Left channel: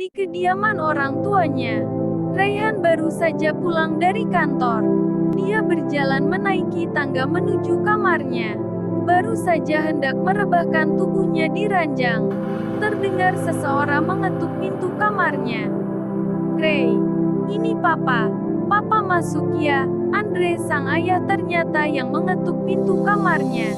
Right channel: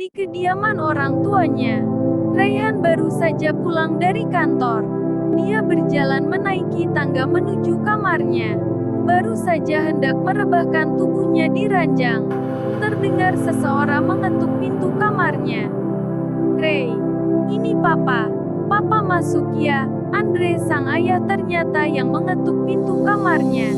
di kediaman orang tuanya. Raihan baru saja pulang dari kantor. Dia berjalan menaiki tangga menuju kamarnya. Baru saja hendak merebahkan tubuhnya di ranjang, terdengar seseorang mengetuk pintu kamarnya. "Ray, ini Papa. Papa masuk ya." Andre sang ayah ternyata yang mengetuk pintu kamarnya.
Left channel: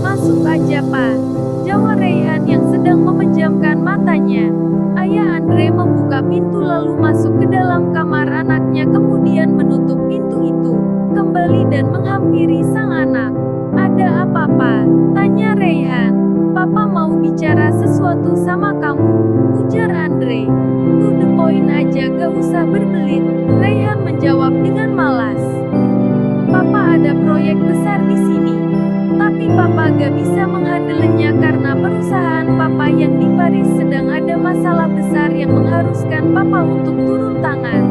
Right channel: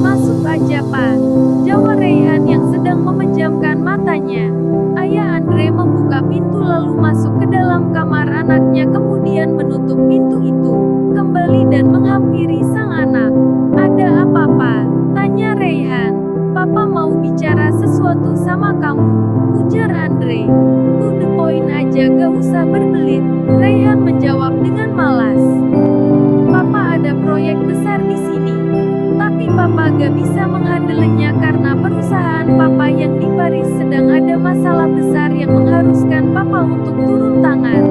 "Masuk aja Pak," jawab Raihan yang sedang memejamkan matanya. Ayah Andre membuka pintu lalu masuk ke dalam kamar anaknya kemudian menutup pintu itu kembali dan menghampiri sang anak. "Ada apa Pak?" tanya Raihan. "Papa mau bicara sesuatu sama kamu," ujar Andre. "To the point aja gak usah berbelit," Raihan menjawab dengan malas. "Papa ada proyek besar di sini. Tapi Papa gak bisa menghandelnya karena perusahaan Papa yang di Paris sedang ada masalah besar yang mengharuskan Papa untuk turun tangan."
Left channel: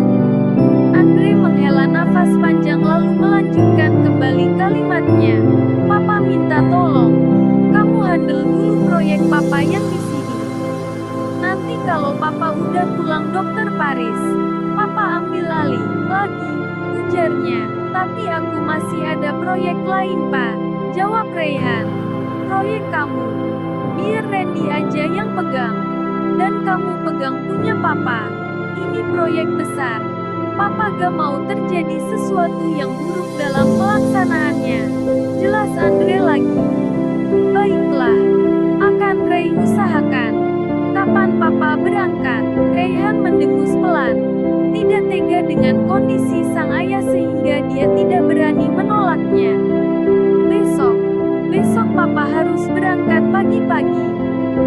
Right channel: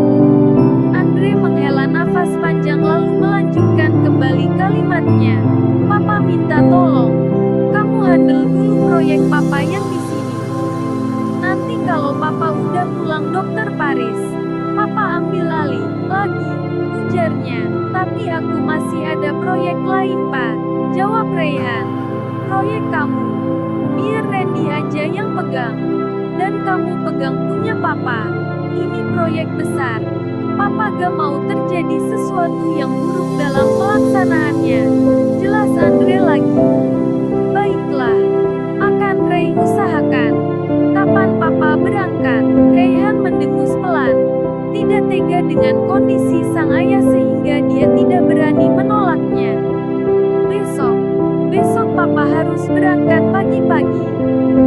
Andre menghela nafas panjang lalu melanjutkan kembali kalimatnya. "Papa minta tolong kamu handle dulu proyek Papa yang di sini. Nanti kalau Papa udah pulang Dokter Paris, Papa ambil alih lagi," ujarnya. "Tapi aku masih ada proyek lain Pak," jawab Raihan. "Proyek kamu? Biar Randy aja yang pegang. Dan kamu pegang punya Papa. Ini proyek besar. Papa gak mau terjadi sesuatu yang buruk dalam pelaksanaannya," jelas Andre lagi. "Baiklah, akan Ray usahakan. Kapan Papa berangkat?" Raihan mendengus pelan. Tidak tega dengan kondisi sang ayah sehingga dia tidak berani menolaknya. Besok Papa harus berangkat pagi-pagi.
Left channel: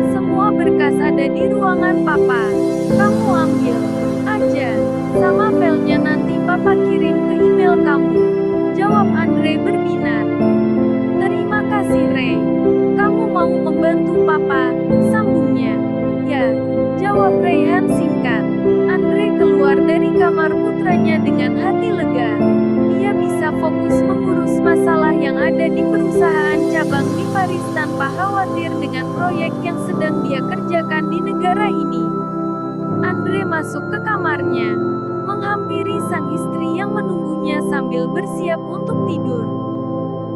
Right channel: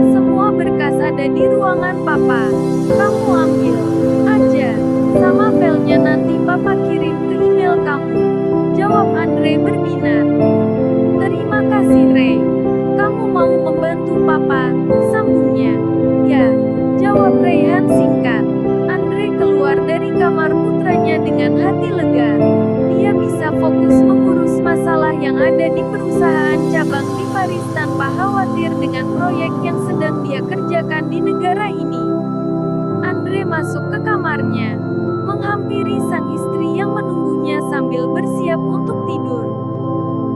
Semua berkas ada di ruangan Papa. Kamu ambil aja. Sama filenya nanti Papa kirim ke email kamu," jawab Andre berbinar. "Terima kasih Ray. Kamu mau membantu Papa," sambungnya. "Ya," jawab Raihan singkat. Andre keluar dari kamar putranya dengan hati lega. Dia bisa fokus mengurus masalah yang ada di perusahaan cabang di Paris tanpa khawatir dengan proyek yang sedang dia kerjakan di negara ini. Andre masuk ke kamarnya, menghampiri sang istri yang menunggunya sambil bersiap untuk tidur.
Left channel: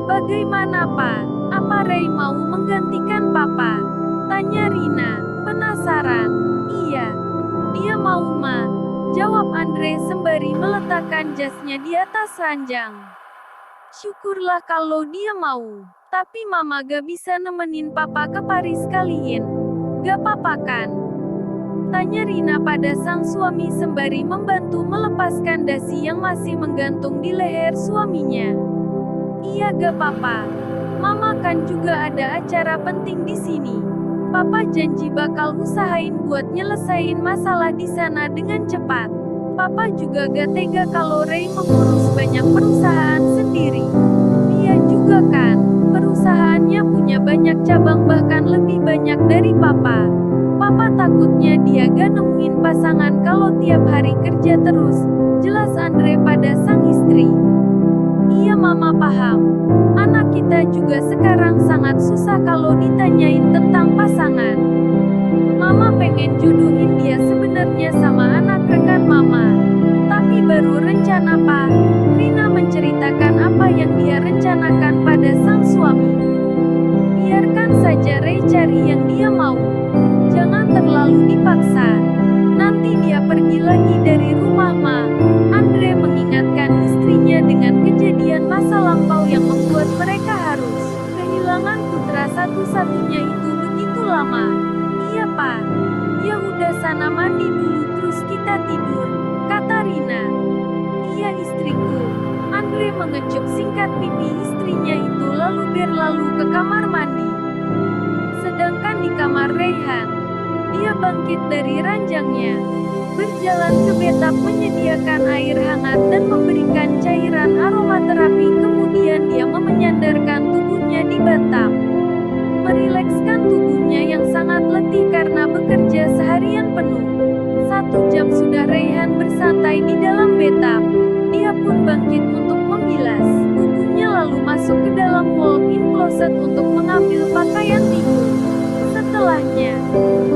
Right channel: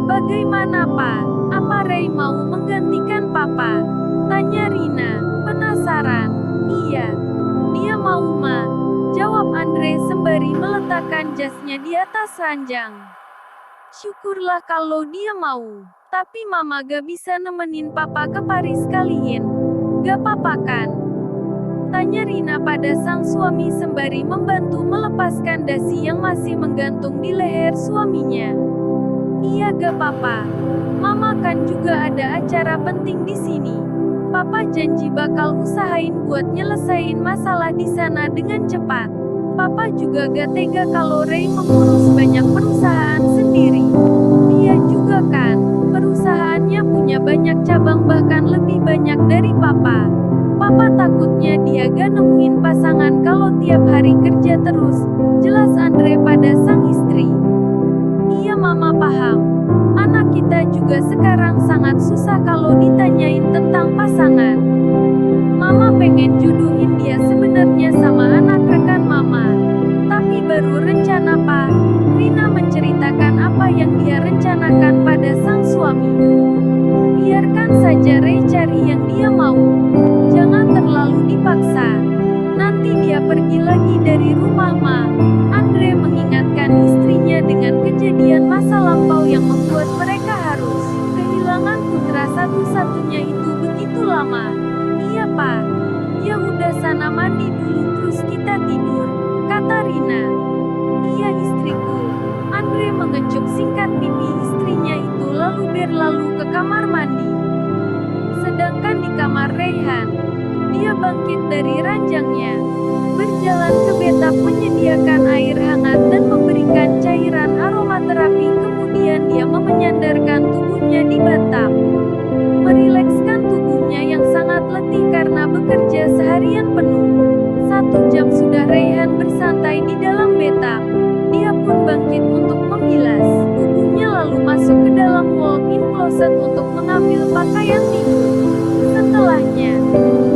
"Bagaimana Pak? Apa Ray mau menggantikan Papa?" tanya Rina, penasaran. "Iya, dia mau Ma," jawab Andre sembari meletakkan jasnya di atas ranjang. "Syukurlah kalau dia mau. Tapi Mama gak bisa nemenin Papa ke Paris kaliin. Gak papa kan?" tanya Rina pada sang suami sembari membantu melepaskan dasi yang masih menggantung di leher suaminya. "Iya gak papa. Mama kan juga ada acara penting di sini. Papa janji bakal usahain buat nyelesain masalah di sana dengan cepat. Papa juga gak tega kalau Ray mengurus banyak perusahaan sendiri. Dia juga kan, perusahaannya punya banyak cabang bahkan lebih banyak dari Papa. Papa takutnya dia gak nemuin pasangan kalau tiap hari kerja terus," jelas Andre pada sang istri. "Iya Mama paham. Anak kita juga sekarang sangat susah kalau ditanyain tentang pasangan. Mama pengen jodohin dia sebenarnya sama anak rekan Mama. Tapi baru rencana Pak." Rina menceritakan apa yang dia rencanakan pada sang suami. "Biarkan saja Ray cari yang dia mau. Jangan terlalu dipaksa. Nanti dia pergi lagi dari rumah Ma." Andre mengingatkan istrinya dengan kejadian masa lampau yang membuat mereka harus kehilangan putra satu-satunya itu begitu lama. "Iya Pak. Ya udah sana mandi dulu terus kita tidur," kata Rina. "Iya istriku." Andre mengecup singkat pipi istrinya itu lalu berlalu ke kamar mandi. Sedangkan di kamar Raihan, dia bangkit dari ranjangnya, berjalan ke bathtub menyediakan air hangat dan memberikan cairan aromaterapi kemudian dia menyandarkan tubuhnya di bathtub. Merilekskan tubuhnya yang sangat letih karena bekerja seharian penuh. 1 jam sudah Raihan bersantai di dalam bathtub. Dia pun bangkit untuk membilas tubuhnya lalu masuk ke dalam walk-in closet untuk mengambil pakaian tidur. Setelahnya,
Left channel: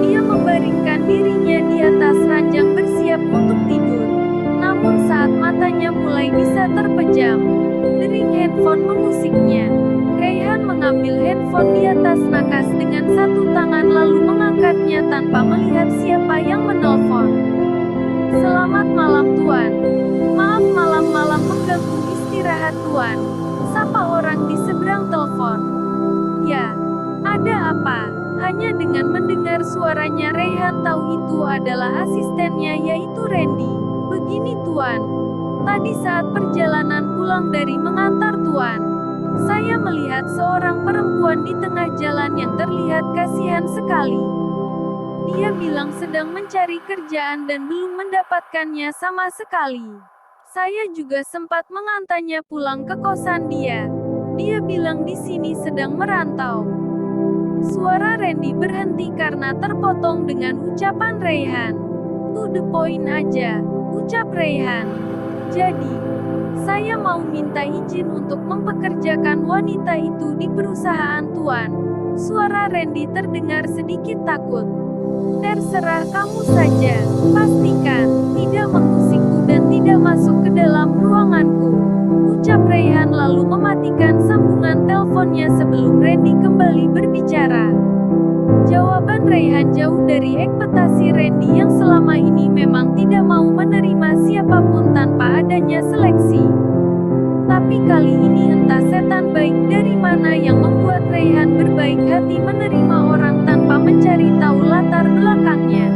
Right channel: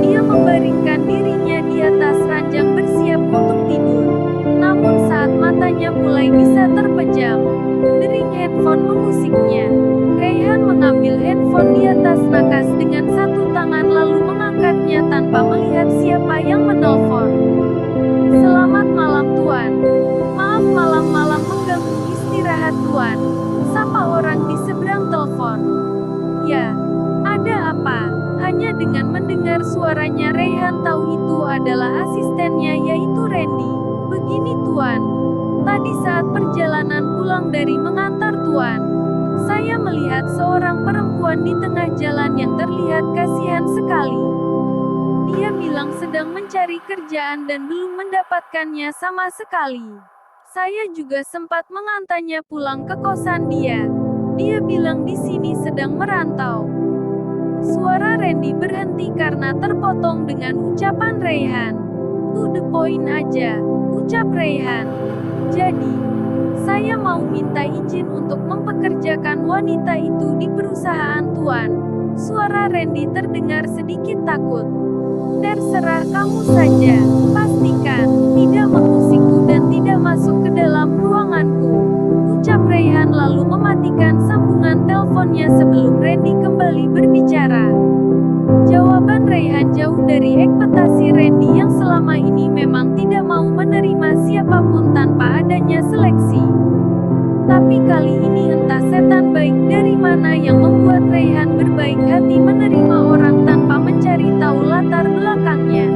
dia membaringkan dirinya di di atas ranjang bersiap untuk tidur. Namun saat matanya mulai bisa terpejam, dering handphone mengusiknya. Raihan mengambil handphone di atas nakas dengan satu tangan lalu mengangkatnya tanpa melihat siapa yang menelpon. "Selamat malam Tuan. Maaf malam-malam mengganggu istirahat Tuan," sapa orang di seberang telepon. "Ya, ada apa?" Hanya dengan mendengar suaranya Raihan tahu itu adalah asistennya yaitu Randy. "Begini Tuan, tadi saat perjalanan pulang dari mengantar Tuan, saya melihat seorang perempuan di tengah jalan yang terlihat kasihan sekali. Dia bilang sedang mencari kerjaan dan belum mendapatkannya sama sekali. Saya juga sempat mengantarnya pulang ke kosan dia. Dia bilang di sini sedang merantau." Suara Randy berhenti karena terpotong dengan ucapan Raihan. "To the point aja," ucap Raihan. "Jadi, saya mau minta izin untuk mempekerjakan wanita itu di perusahaan Tuan." Suara Randy terdengar sedikit takut. "Terserah kamu saja. Pastikan tidak mengusikku dan tidak masuk ke dalam ruanganku," ucap Raihan lalu mematikan sambungan teleponnya sebelum Randy kembali berbicara. Jawaban Raihan jauh dari ekspektasi Randy yang selama ini memang tidak mau menerima siapapun tanpa adanya seleksi. Tapi kali ini entah setan baik dari mana yang membuat Raihan berbaik hati menerima orang tanpa mencari tahu latar belakangnya.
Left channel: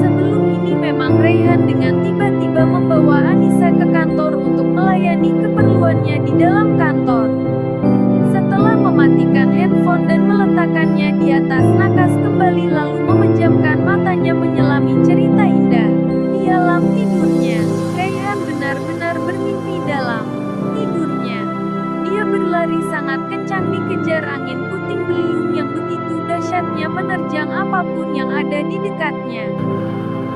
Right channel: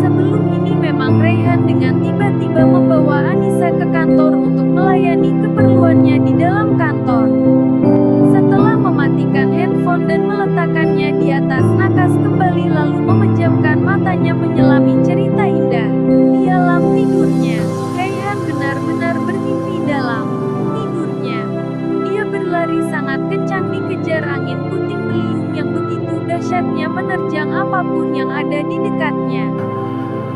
Sebelum ini memang Raihan dengan tiba-tiba membawa Anissa ke kantor untuk melayani keperluannya di dalam kantor. Setelah mematikan handphone dan meletakkannya di atas nakas kembali lalu memejamkan matanya menyelami cerita indah. Di alam tidurnya, Raihan benar-benar bermimpi dalam tidurnya. Dia berlari sangat kencang dikejar angin puting beliung yang begitu dahsyatnya menerjang apapun yang ada di dekatnya.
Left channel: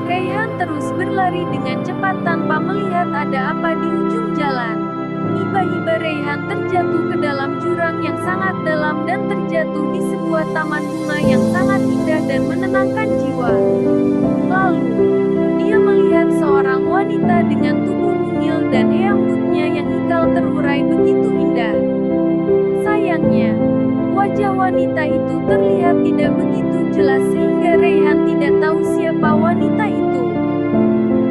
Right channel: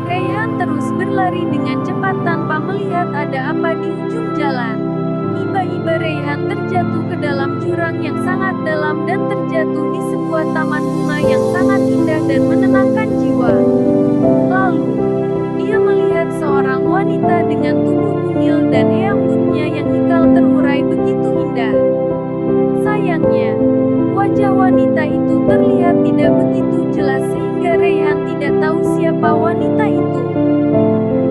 Raihan terus berlari dengan cepat tanpa melihat ada apa di ujung jalan. Tiba-tiba Raihan terjatuh ke dalam jurang yang sangat dalam dan terjatuh di sebuah taman bunga yang sangat indah dan menenangkan jiwa. Lalu, dia melihat seorang wanita dengan tubuh mungil dan rambutnya yang ikal terurai begitu indah. Sayangnya, wajah wanita itu terlihat tidak begitu jelas sehingga Raihan tidak tahu siapa wanita itu.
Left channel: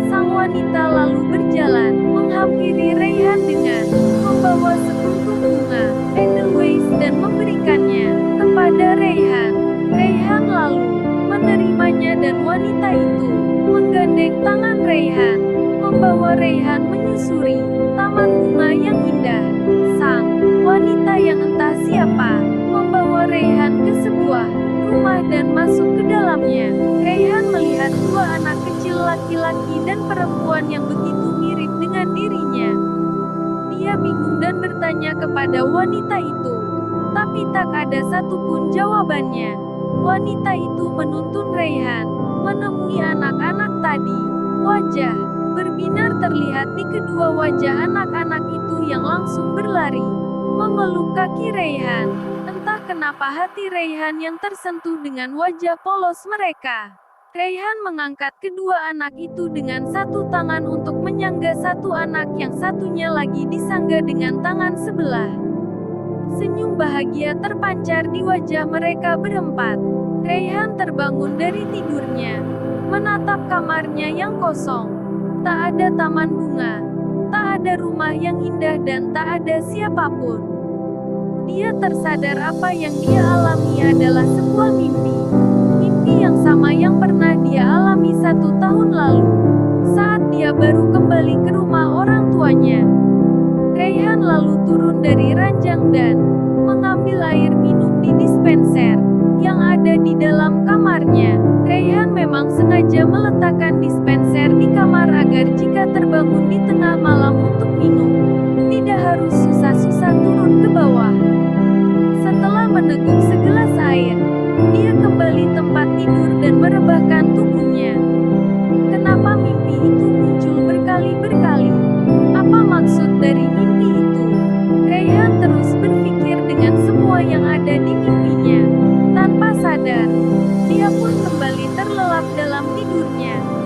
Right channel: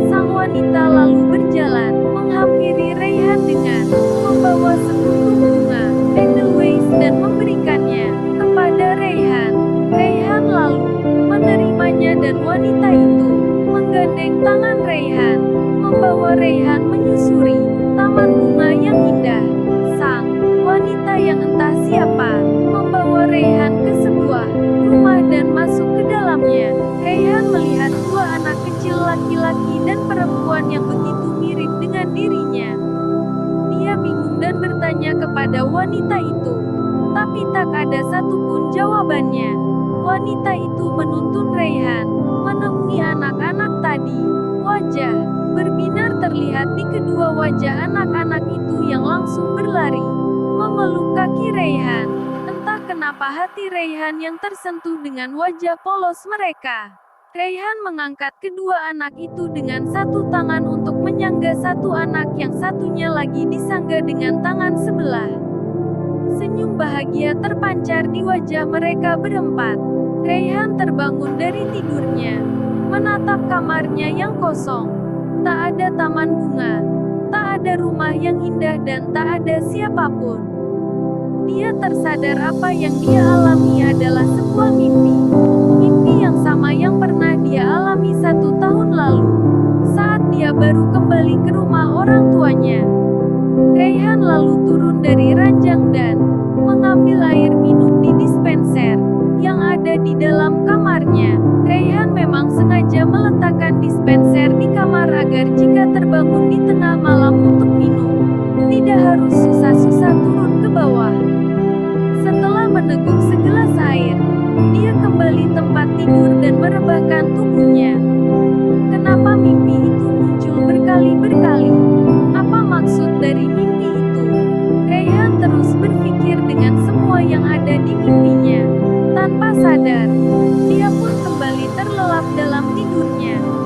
Sang wanita lalu berjalan, menghampiri Raihan dengan membawa sekuntum bunga, edelweiss dan memberikannya kepada Raihan. Raihan lalu menerimanya dan wanita itu menggandeng tangan Raihan, membawa Raihan menyusuri taman bunga yang indah. Sang wanita yang entah siapa membawa Raihan ke sebuah rumah dan masuk ke dalamnya. Raihan melihat dua anak kecil laki-laki dan perempuan yang begitu mirip dengan dirinya. Dia bingung dan bertanya kepada wanita itu, tapi tak ada satupun jawabannya. Wanita itu menuntun Raihan menemui anak-anak tadi. Wajah berbinar terlihat di kedua wajah anak-anak itu yang langsung berlari memeluk kaki Raihan. Entah kenapa hati Raihan yang tersentuh dengan wajah polos mereka. Raihan mengangkat kedua anak itu dengan satu tangan untuk menyangga satu anak yang satunya lagi disangga dengan tangan sebelah. Senyum bahagia terpancar di wajah mereka berempat. Raihan terbangun dari tidurnya, menatap kamarnya yang kosong. Tak ada taman bunga, tak ada rumah yang indah dan tak ada siapapun. Dia tersadar apa yang dia alami adalah sebuah mimpi. Mimpi yang sama yang pernah dia alami 1 tahun lalu, saat dia baru kembali ke rumah orang tuanya. Raihan lalu turun dari ranjang dan mengambil air minum di dispenser yang ada di dalam kamarnya. Raihan memang sengaja meletakkan dispenser di kamar agar jika terbangun di tengah malam untuk minum, tidak harus susah-susah turun ke bawah. Setelah meneguk segelas air, dia kembali tempat tidur dan merebahkan tubuhnya. Kenapa mimpi itu muncul berkali-berkali? Apa maksud dari mimpi itu? Raihan terus berpikir dengan semua yang ada di mimpinya. Tanpa sadar. Dia pun kembali terlelap dalam tidurnya.